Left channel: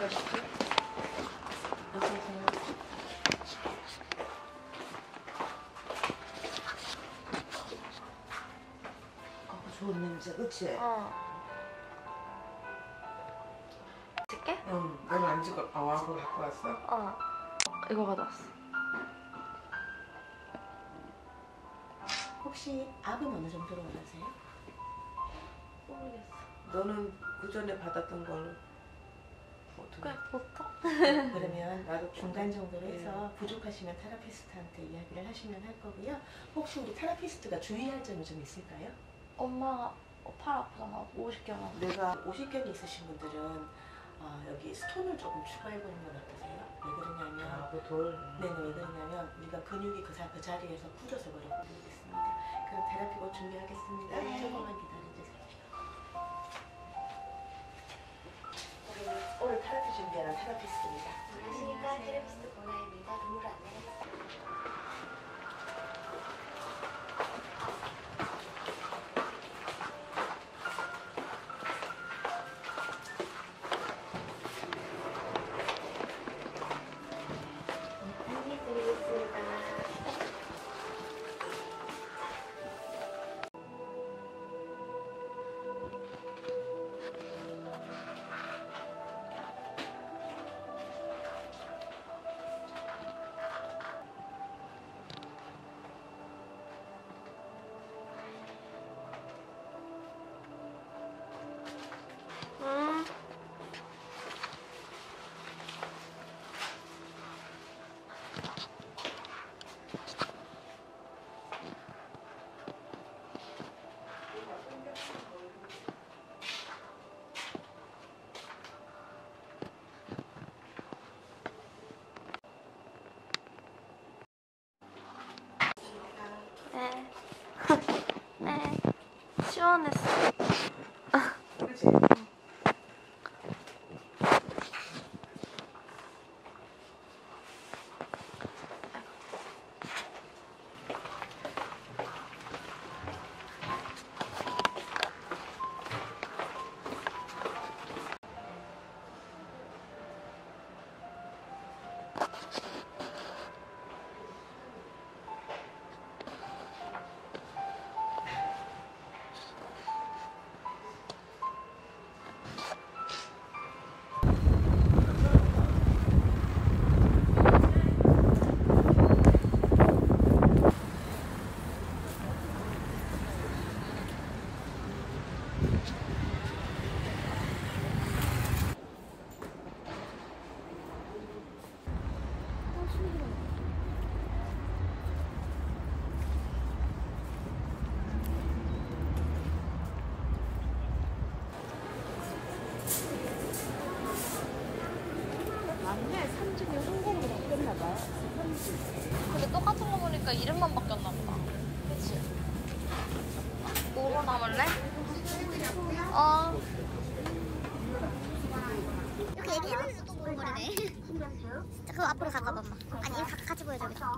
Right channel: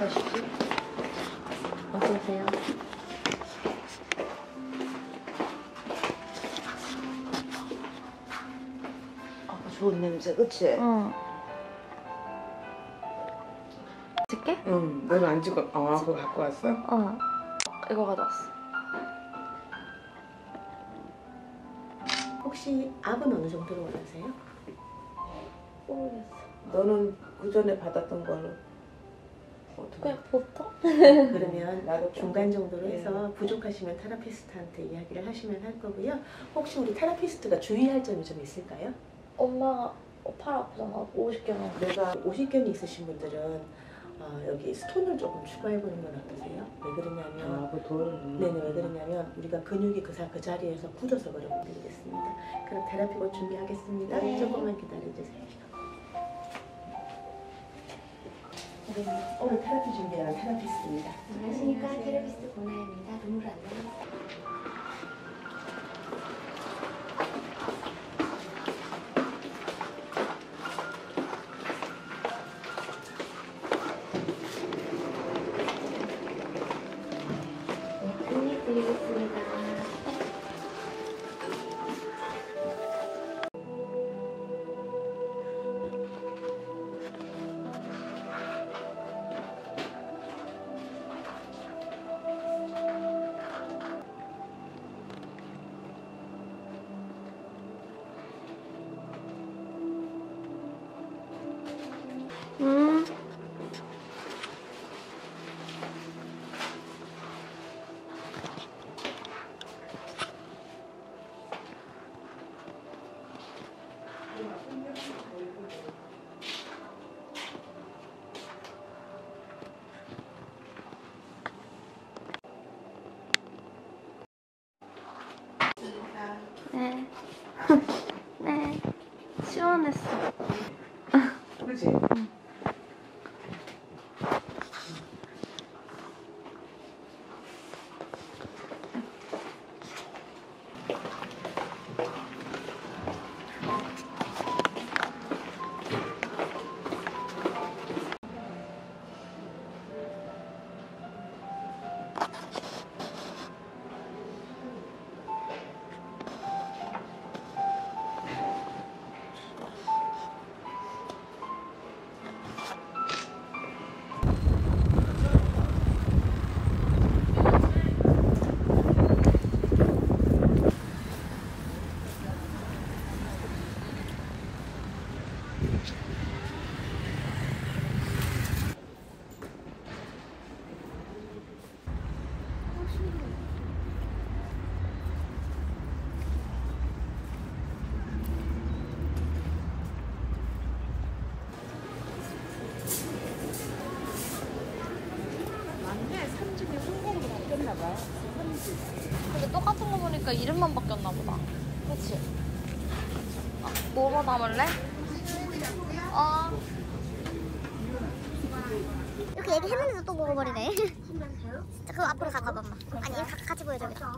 가시죠. 어서오세요. 좋은 냄새, 그치? 줄게? 응, 너는 안 주고, 그거 갖고 왔어? 이거 가져왔어. 혹시 압은 어느 정도로 원하세요? 모르겠어. 너는 그 전에 받았던 걸로 어떻게? 그냥 보통? 그러면 나도 중간 정도로 해서 부족하시면 테라피스트한테 이야기를 하시면 할 거고요. 혹시 우리 테라피스트가 주의할 점이 좀 있을까요? 엄마가 팔 아프잖아. 50개만. 내가 50견이 있으신 분들은 여기 스톤을 조금 추가해보는 건 어떠세요? 왜 그러냐면 그 돌. 네네, 왜 그러냐면 우리가 근육이 그 자리에서 굳어서 버려드리겠습니다. 그럼 테라피 곧 준비하겠습니다. 네. 조금만 기다려주세요. 오늘 테라피 준비하는 테라피스트입니다. 안녕하십니까. 테라피스트 고나입니다. 눈으로 안내하겠습니다. 안내드리겠습니다. 네. 네. 시원했어. 그치? 응. 근데 똑같은 거 보니까 이름만 바뀌었나 보다. 그치? 뭐뭐 담을래? 이렇게 얘기했는데도 또 먹어버리네. 자, 그럼 앞으로 가봐, 엄마. 아니, 같이 보여줘야겠다.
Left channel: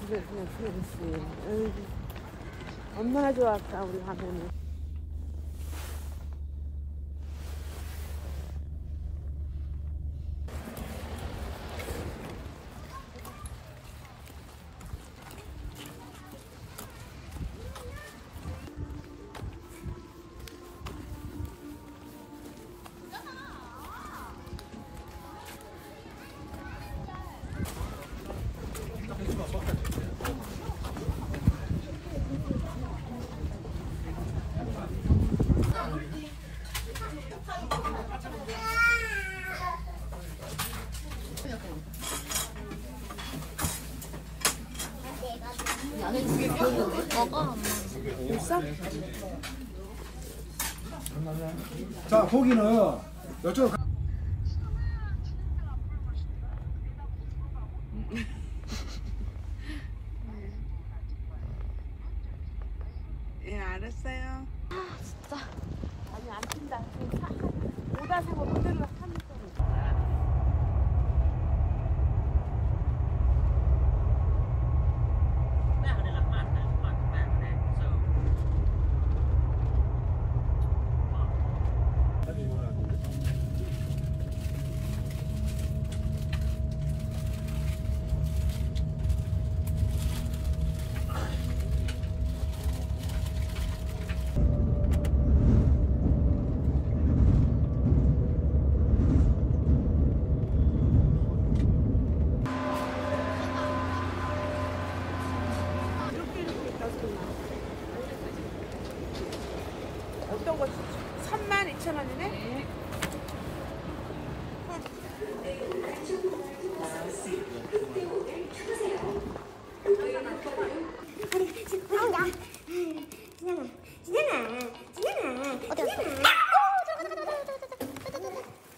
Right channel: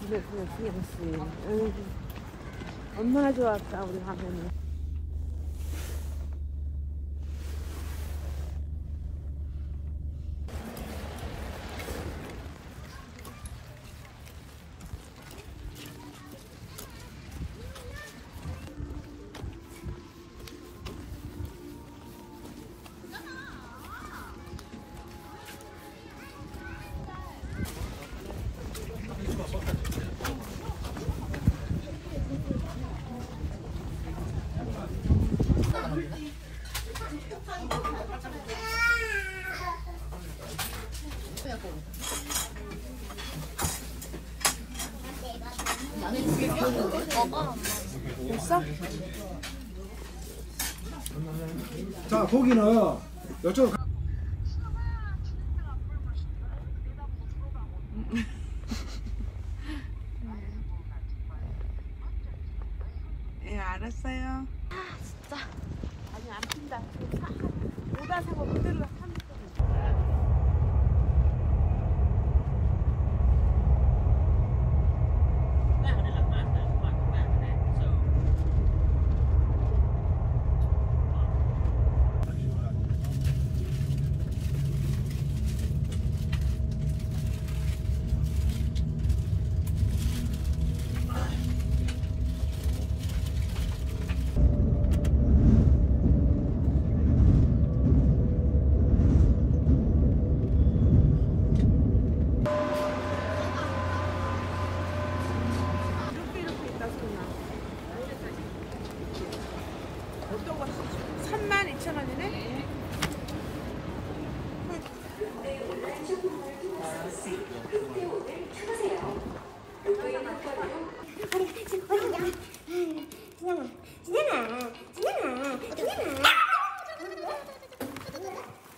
집에 들어갔어. 엄마 좋았다, 우리 가보면. 먹어. 됐어? 자, 고기는 이쪽 예, 알았어요. 아, 진짜. 아니, 안 핀다. 요거 32,000원이네.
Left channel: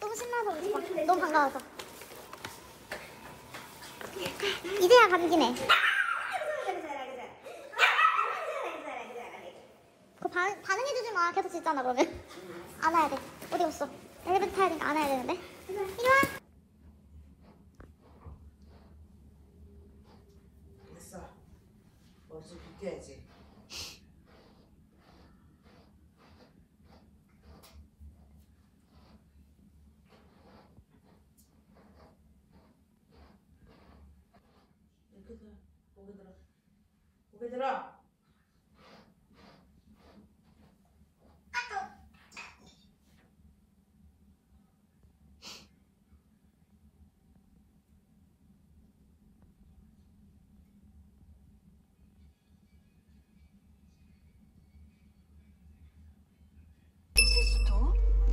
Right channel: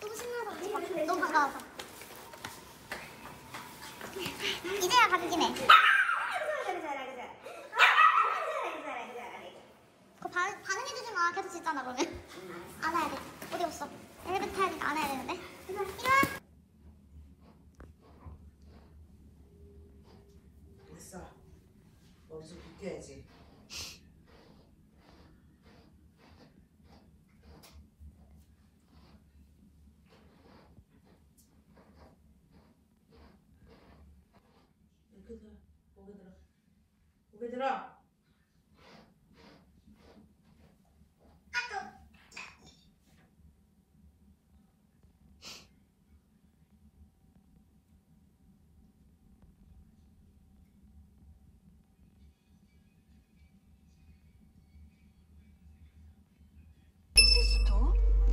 너무 신나 보이지? 너무 반가워서. 이제야 가격이네. 그 반응해주지 마. 계속 짓잖아, 너는. 안아야 돼. 어디 갔어? 엘리베이터 타야 되니까 안아야 되는데. 이리 와. 됐어. 머리 좀 빗겨야지. 이렇게 들어. 고개 들어. 고개 들어.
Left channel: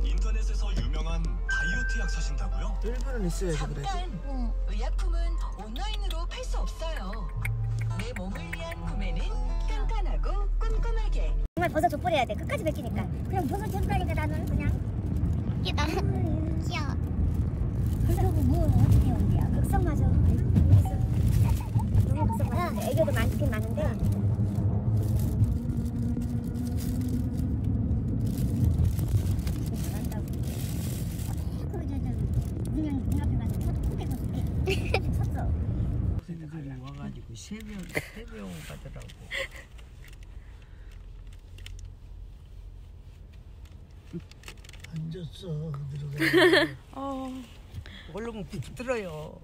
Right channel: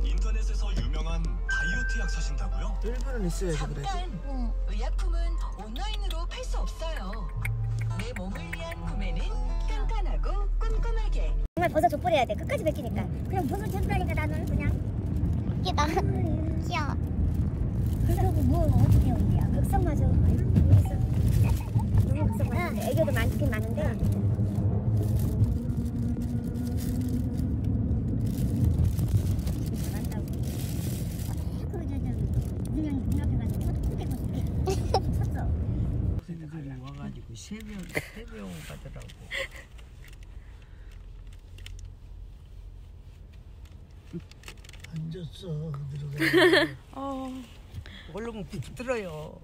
인터넷에서 유명한 다이어트 약 사신다고요? 일부는 있어야지 그래. 응. 의약품은 온라인으로 팔 수 없어요. 내 몸을 위한 구매는 깐깐하고 꼼꼼하게. 정말 버섯 족보해야 돼. 끝까지 뱉기니까. 그냥 버섯 족보하니까 나는 그냥. 이게 나 귀여워. 그리고 뭐 어떻게 온대요? 극성마저. 너무 극성마저. 애교도 많긴 많은데. 와가지고 세병 가더라고. 앉았어. 들어가. 얼른 붙들어요.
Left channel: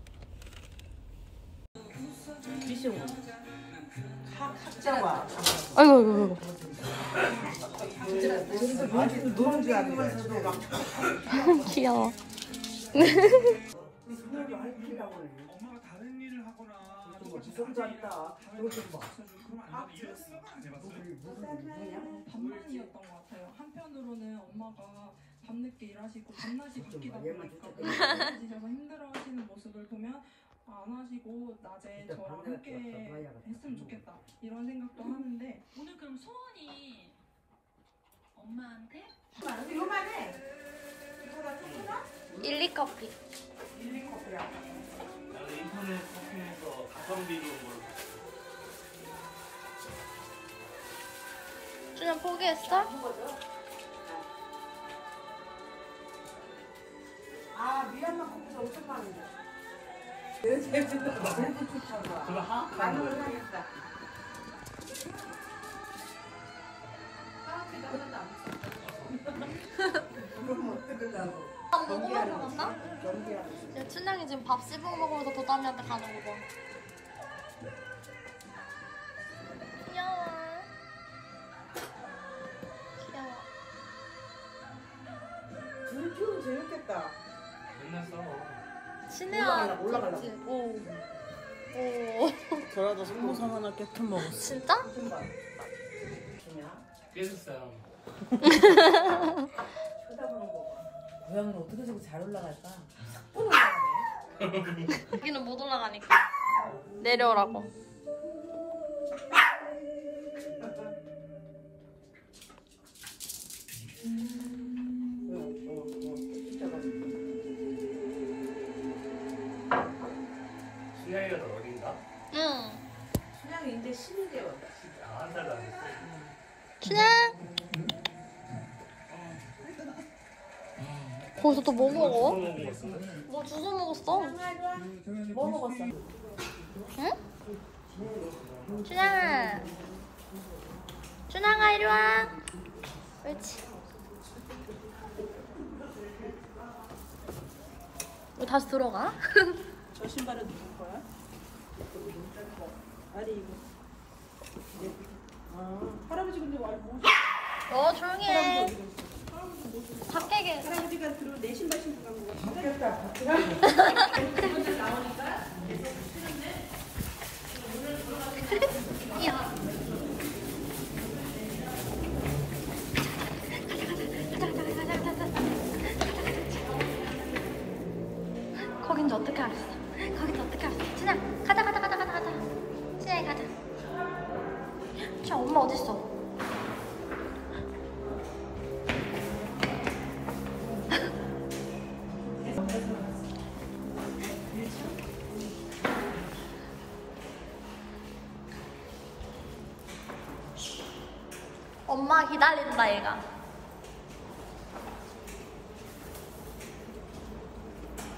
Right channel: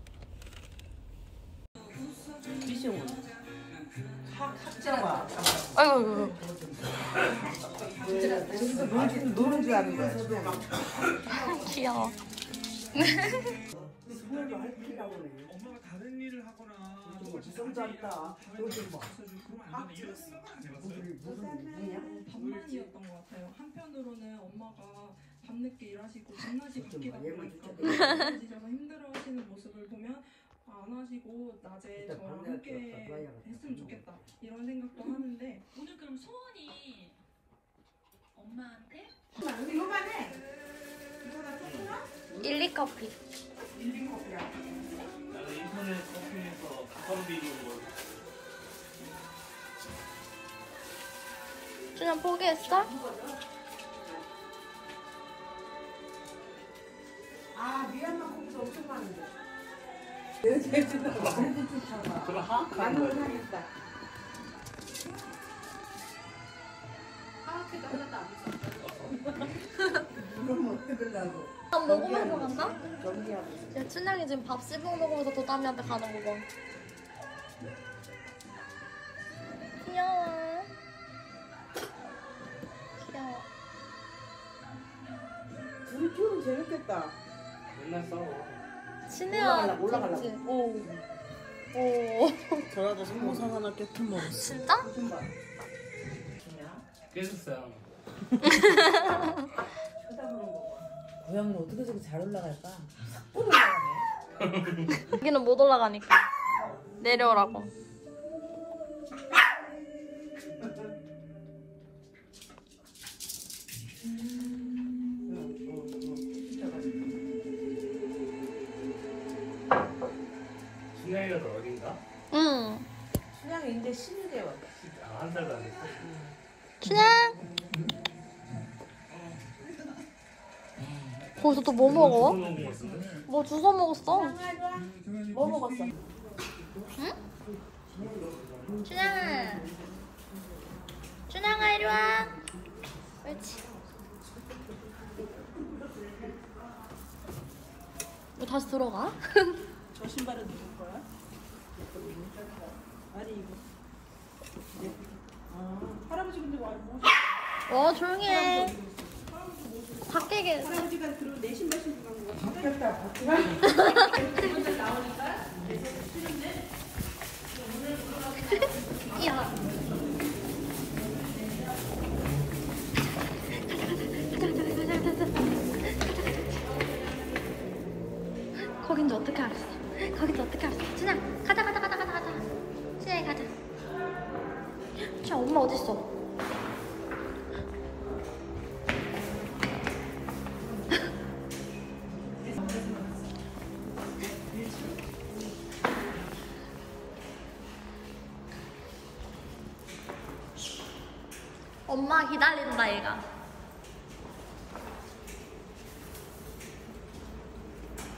탁자와. 노는 줄 아는 거야. 귀여워. 엄마가 다른 일을 하거나 지성 잘했다. 반반이었던 것 같아요. 한편으로는 엄마가 밤늦게 일하시고 밤낮이 바뀌다 보니까 집에서 힘들어하시는 모습을 보면 안 하시고 낮에 저랑 함께 했으면 좋겠다 이런 생각도 하는데 오늘 그럼 소원이 엄마한테? 요만해. 이거가 조금만? 1,2커피. 1,2커피야. 나는 인터넷 커피에서 가성비 뭐 그냥 포기했어? 아, 미얀마 커피가 엄청 많은데. 내 제주도 많이 좋잖아. 반응을 하겠다. 그럼 어떻게 가고? 밥 먹으면서 간다? 정지하고. 야, 춘향이 지금 밥 씹어 먹으면서 도담이한테 가는 거 봐. 귀여워. 귀여워. 우리 키우면 재밌겠다. 끝났어. 신혜야. 올라가려고. 그치? 오. 오. 저라도 성공상 하나 깨트 먹었어. 진짜? 깨졌어요. 고양이는 어떻게 저렇게 잘 올라갈까? 여기는 못 올라가니까. 내려오라고. 순영이가 더 어린가? 응. 수양이 이제 12개월. 아, 한 살도 안 됐어. 춘향. 거기서 또 뭐 먹어? 뭐 주워 먹었어? 뭐 먹었어? 응? 춘향아. 춘향아, 이리 와. 그렇지. 왜 다시 들어가? 저 신발은 누구 거야? 아니 이거. 할아버지 근데 와. 조용히 해. 밖에 계세요. 할아버지가 그럼 내 신발 신고 가는 거. 야. 자, 엄마 어딨어? 엄마 기다린다 얘가.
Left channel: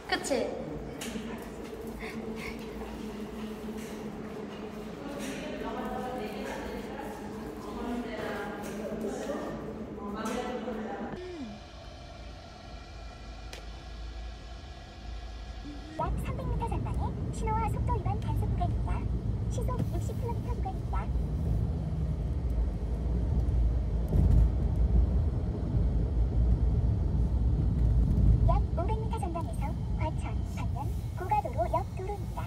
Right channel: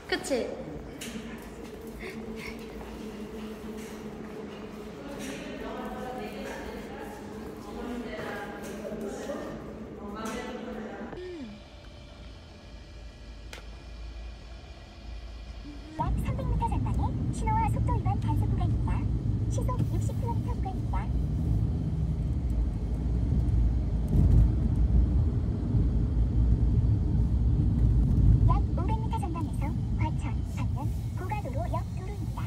그치? 약 300m 전방에 신호와 속도 위반 단속 구간입니다. 시속 60km 구간입니다. 약 500m 전방에서 과천, 방면, 고가도로 옆 도로입니다.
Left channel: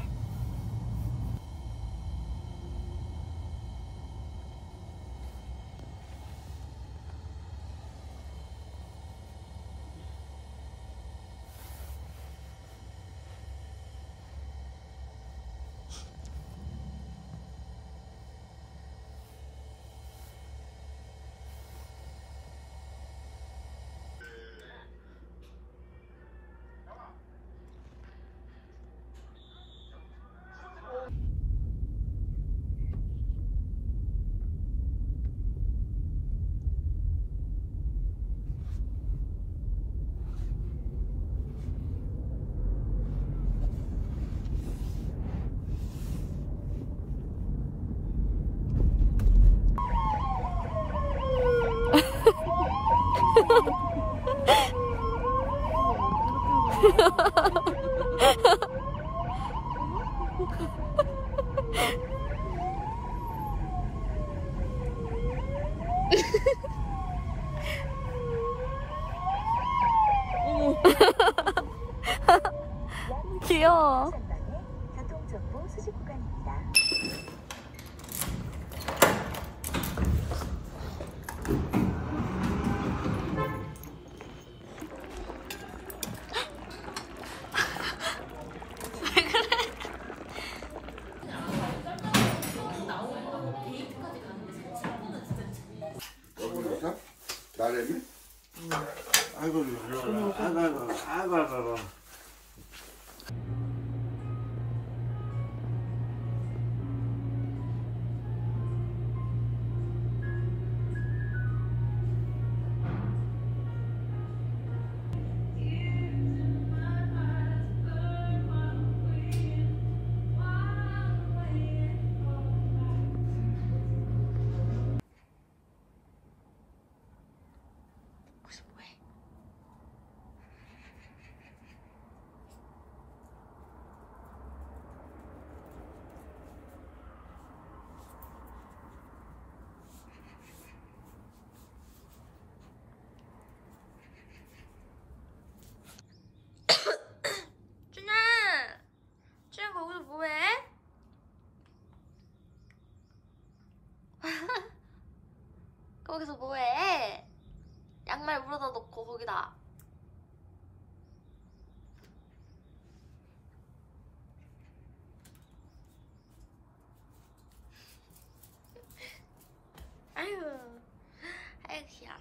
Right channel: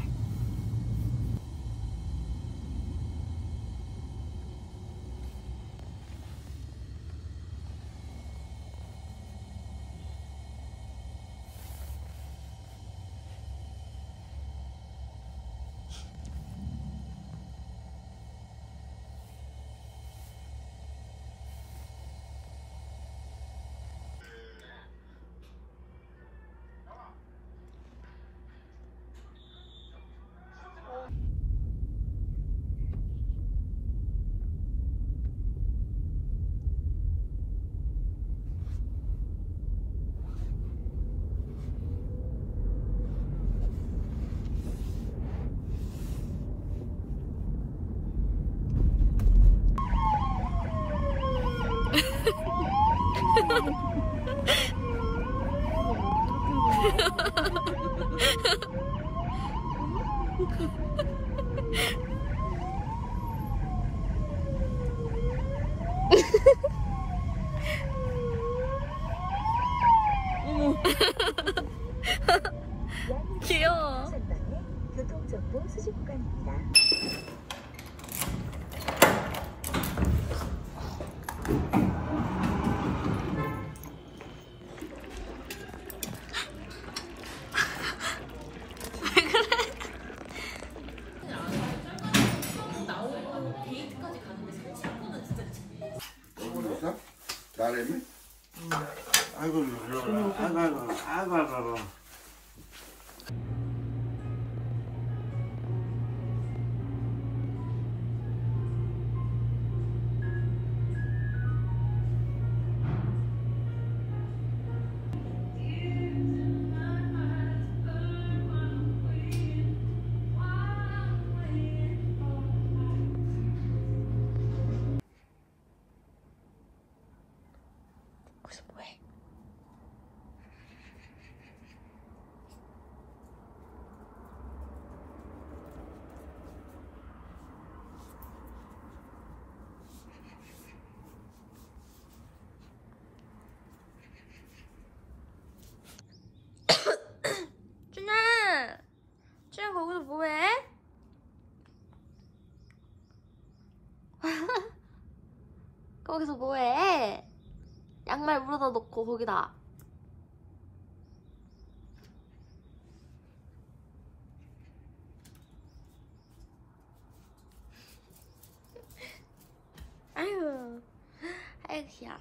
귀여워. 교통정보 수집 구간입니다. 나래미? 아이고. 거기서 뭐해? 준아 거기서 뭐해? 거기서 뭐해? 양말 물어다 놓고 거기다. 아유 귀여워.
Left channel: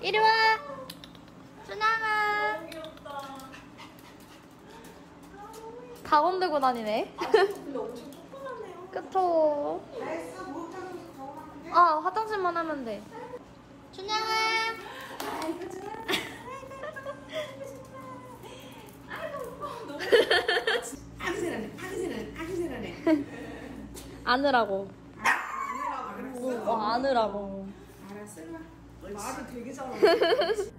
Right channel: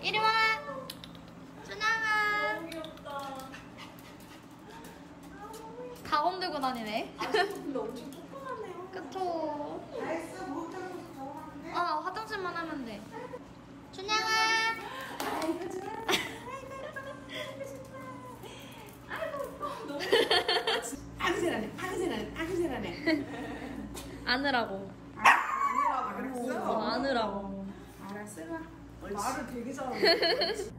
이리 와. 준양아. 가공 들고 다니네. 그쵸. 화장실만 하면 돼. 준양아. 아주 잘하네. 안으라고. 안으라고. 알았어. 말을 되게 잘하네.